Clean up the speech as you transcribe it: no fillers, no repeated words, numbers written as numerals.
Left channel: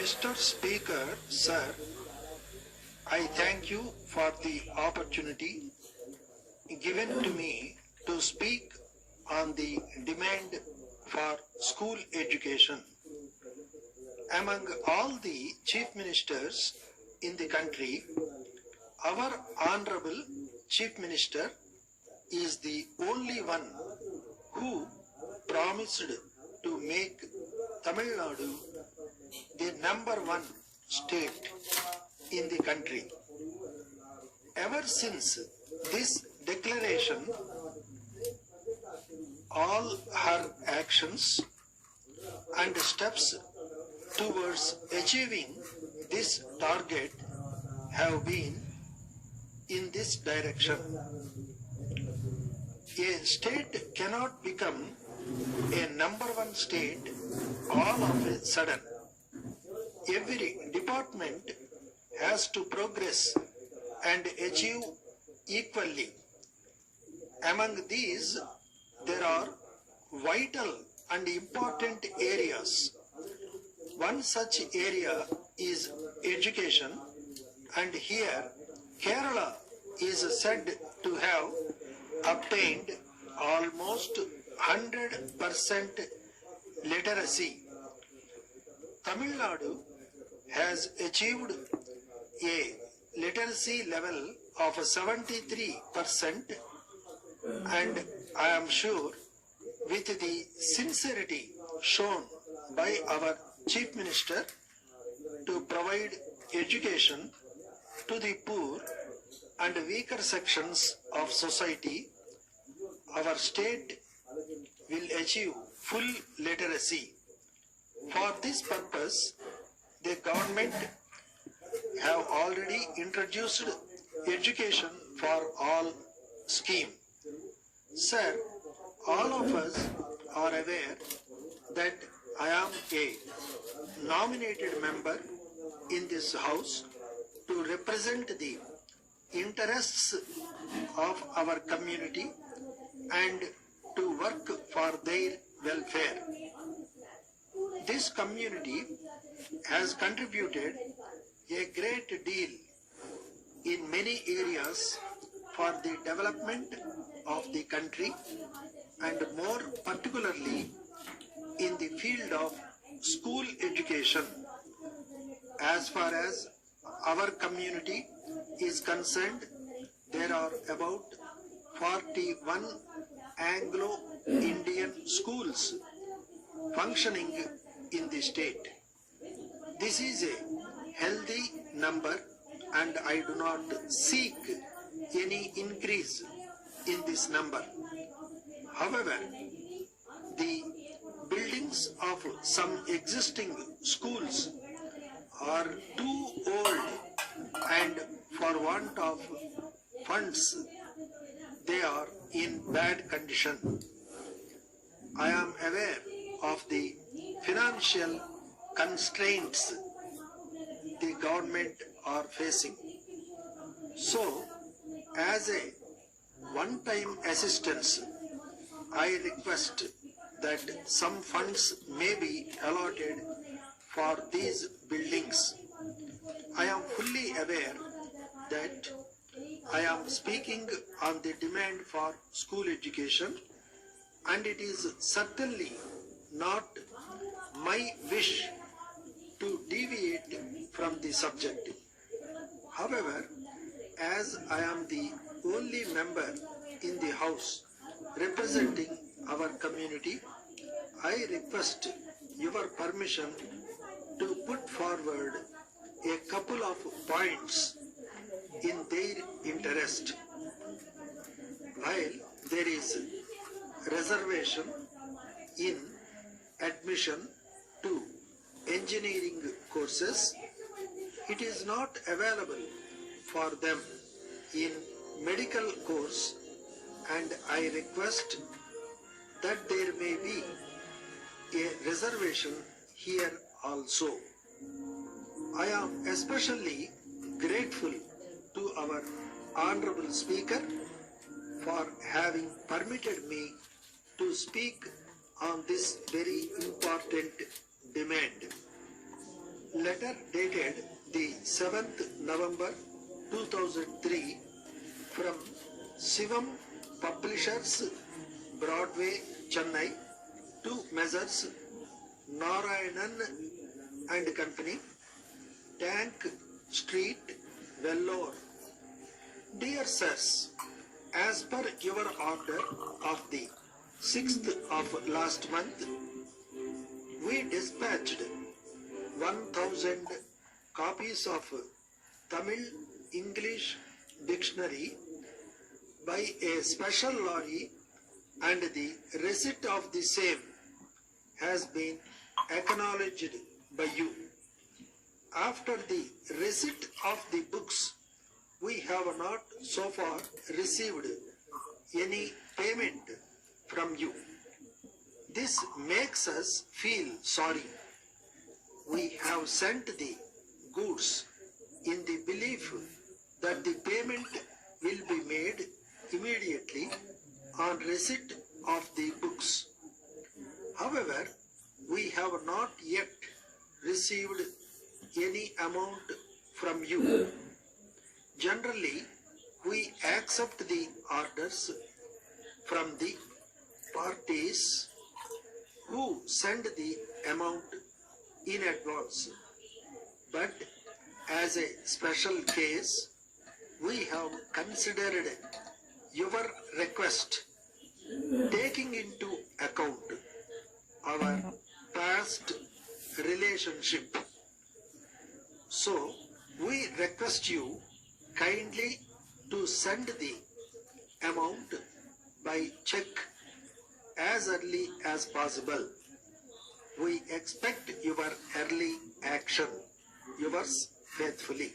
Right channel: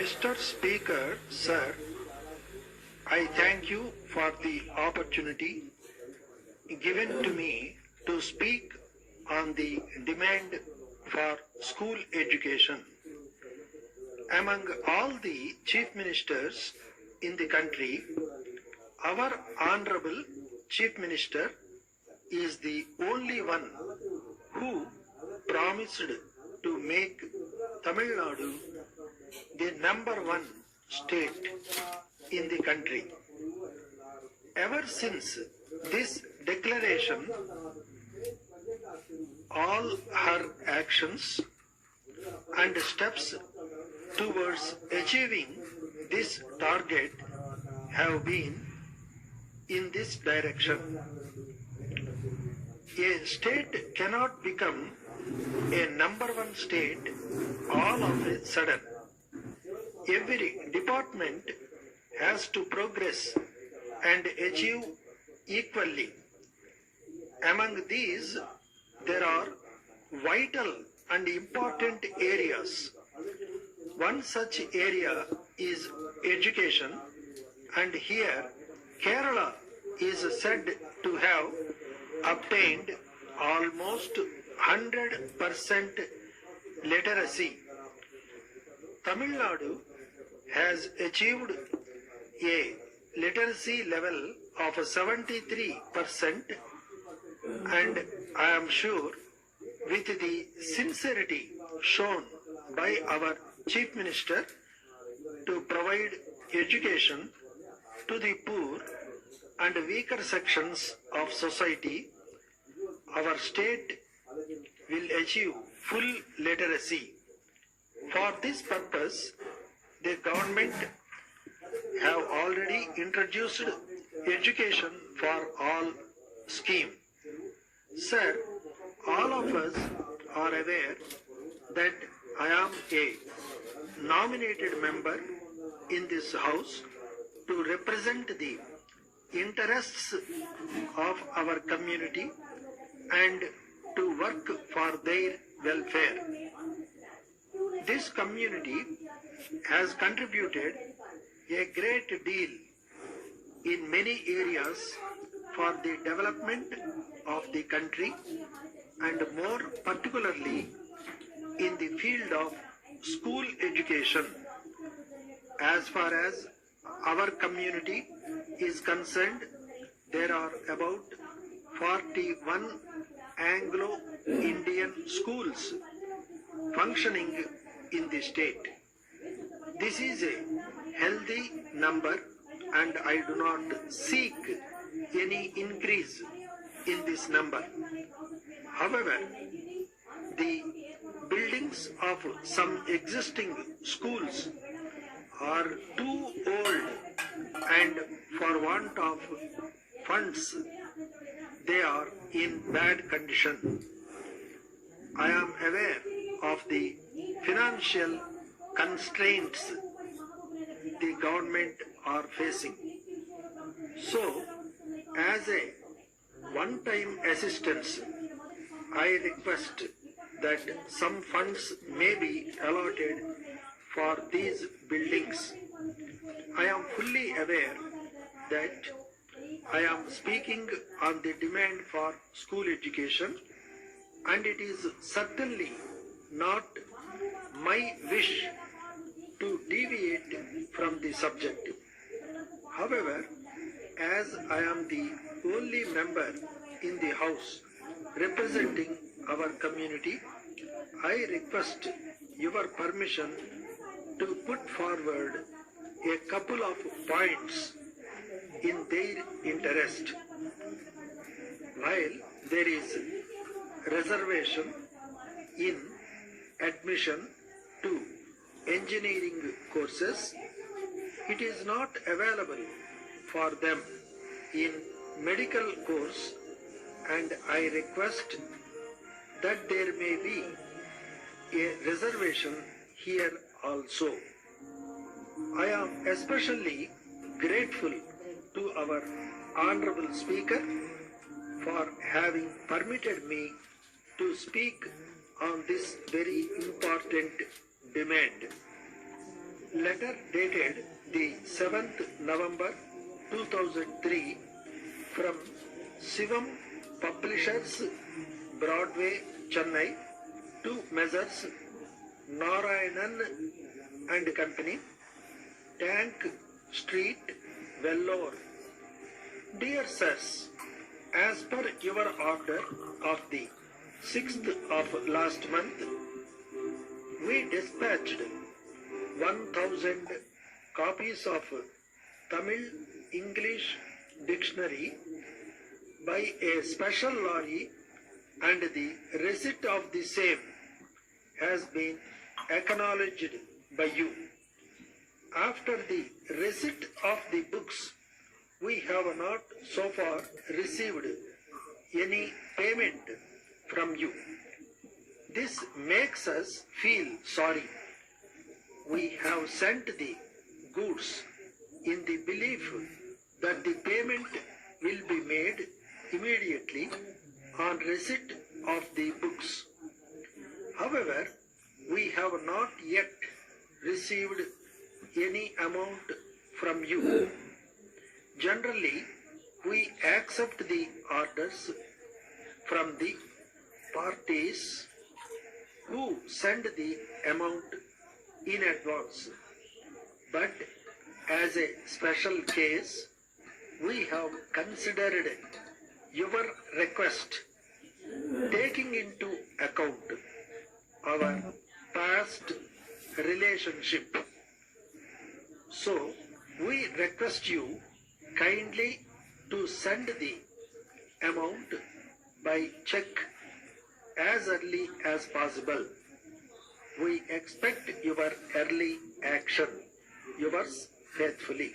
Mr. Speaker, sir, I thank you for the opportunity given to me to speak on the demand for school education. Among all the chief ministers in the country, our Honorable Chief Minister is the only one who promised to make Tamil Nadu the #1 state in the country. Ever since this declaration, all her actions and steps towards achieving this target have been in this direction. A state cannot become a #1 state all of a sudden. Every department has to progress and achieve equally. Among these, there are vital and important areas. One such area is education, and here Kerala is said to have obtained almost 100% literacy. Tamil Nadu has achieved a literacy level of 73%, and I am sure with the sincerity shown by our Chief Minister to provide education to the poor and weaker sections of society, our state will achieve full literacy. For this purpose, the government have already introduced education for all scheme. Sir, all of us are aware that I am a nominated member in this house to represent the interests of our community and to work for their welfare. This community has contributed a great deal in many areas for the development of the country, and more particularly in the field of school education. As far as our community is concerned, there are about 41 Anglo-Indian schools functioning in the state. This is a healthy number, and I do not seek any increase in this number. However, the buildings of some existing schools are too old, and for want of funds, they are in bad condition. I am aware of the financial constraints the government are facing. So, as a one-time assistance, I request that some funds may be allotted for these buildings. I am fully aware that I am speaking on the demand for school education, and it is certainly not my wish to deviate from the subject. However, as I am the only member in the House representing our community, I request your permission to put forward a couple of points in their interest. While there is reservation in admission to engineering courses, it is not available for them in medical course, and I request that there may be a reservation here also. I am especially grateful to our Honorable Speaker for having permitted me to speak on this very important demand. Letter dated the 7th November 2003 from Shivam Publishers, Broadway, Chennai, to Messrs. Narayanan and Company, Tank Street, Vellore. Dear Sirs, as per your order of the 6th of last month, we dispatched 1000 copies of Tamil English dictionary by a special lorry, and the receipt of the same has been acknowledged by you. After the receipt of the books, we have not so far received any payment from you. This makes us feel sorry. We have sent the goods in the belief that the payment will be made immediately on receipt of the books. However, we have not yet received any amount from you. Generally, we accept the orders from the parties who send the amount in advance. But as a special case, we have considered your request, taking into account our past relationship. So, we request you kindly to send the amount by check as early as possible. We expect your early action. Yours faithfully.